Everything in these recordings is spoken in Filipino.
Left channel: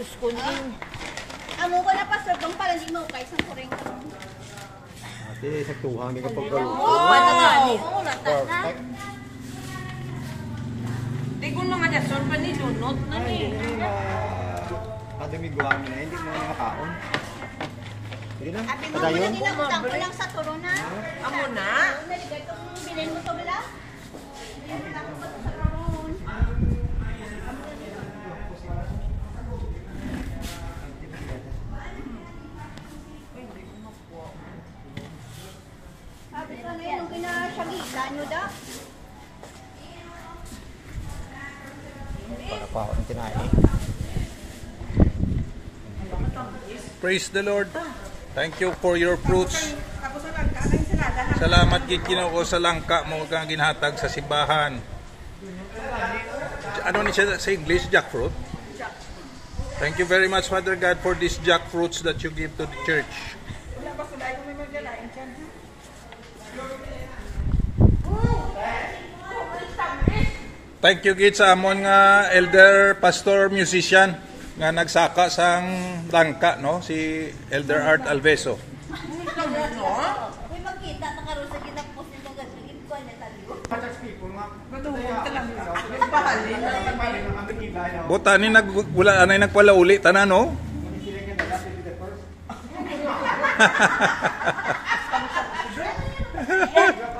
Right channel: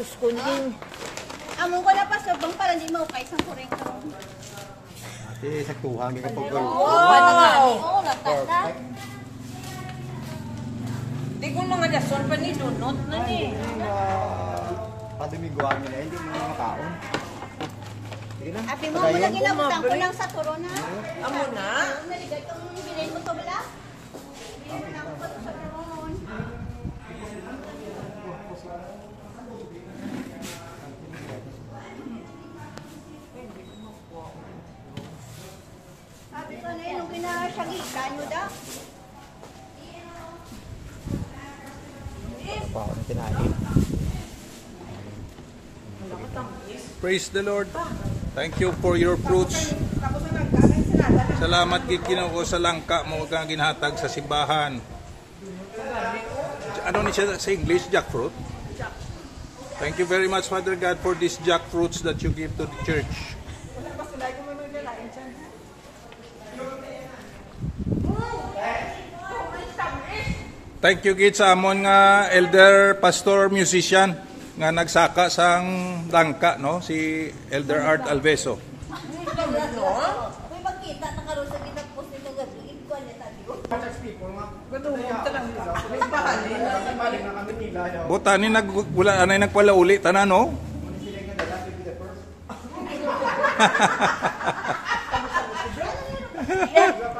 Diyos ko din. Amo ko na pastor bang para di mo kay sang kureng ko. Ate, saktuhan ka kapag galo. Wala nga. Oo, latas na. Di ko na nga dason pa ni Lunot na ni. Kadumiguan nila, hindi mo na makaon. Sige na, Abi mo padayon. na ginabutang ko lang sa turo na. Amo na. Itong bilhin mo to bala. Bilhin ako ba to sa turon? Sabi ko na yun, nung kinasyagitan nyo da. Pagkapaon ng kinain. Praise the Lord. Thank you for your fruits. Salamat kay Ginoo sa langka mo kang ginhatag sa simbahan. Ano ni siya sa English? Jackfruit? Thank you very much, Father God, for these jackfruits that you give to the church. Thank you gid sa amon nga elder pastor musician nga nagsaka sang langka, no, si Elder Art Alveso. Uy, magkita na karoon sa ginapos nito gagawin ko niya sabi ko. Buta ni wala anay nagpalauli tanan, no?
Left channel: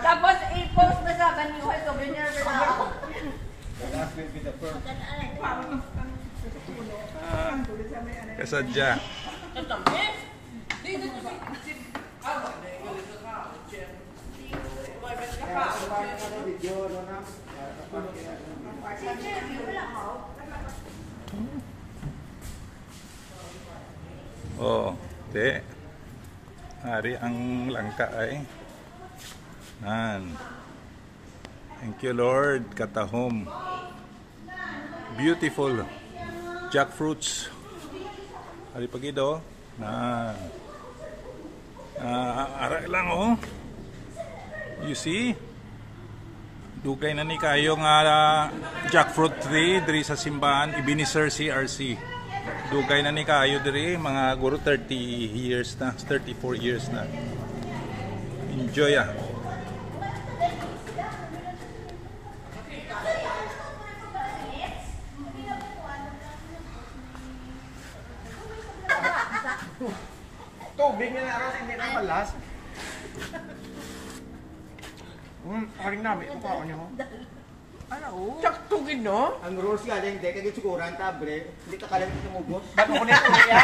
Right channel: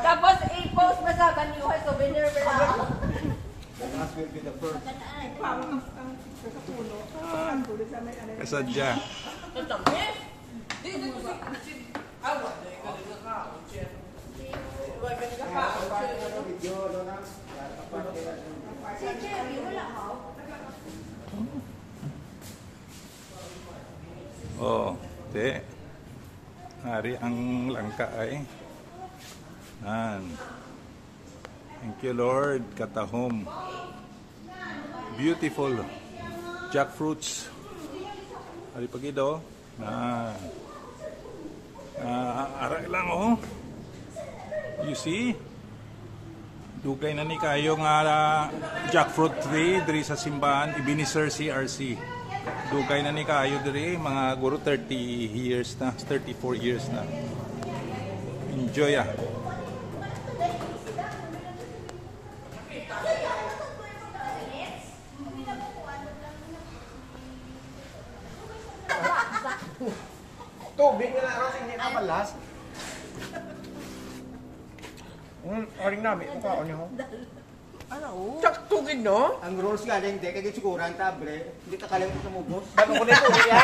Tapos i-post na sa kanyo ay souvenir na. Kasadya. Oh, te. Hari ang langka ay. Nan. Thank you, Lord. Katahom. Beautiful jackfruits. Hari pagido. Nan. Aray lang, oh. You see? Dugay na ni kayo nga jackfruit tree diri sa simbahan Ebenezer CRC. Dugay na ni kayo diri mga guro 30 years na, 34 years na. Enjoy ah. Tubig na naroon, hindi na malas. Aring namin, ito kaon niyo. Sakto gid no? Ang rules nga din, hindi kagit siguran, tabre. Hindi ka kalang tumubos. Dalang ko ni pulo ya.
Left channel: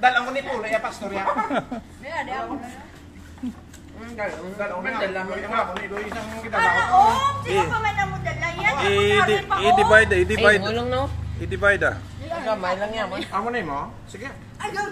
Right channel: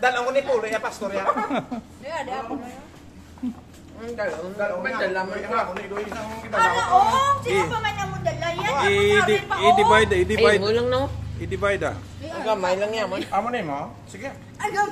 Dalang ko ni pulo ya, pastor ya. Di ako na. Dalang ko ni dalang ko ni do isang Para oh, sino pa man ang mudala yan? I-divide. Lang no. I-divide ah. gamay lang yan. Amo na mo. Sige. Ayun.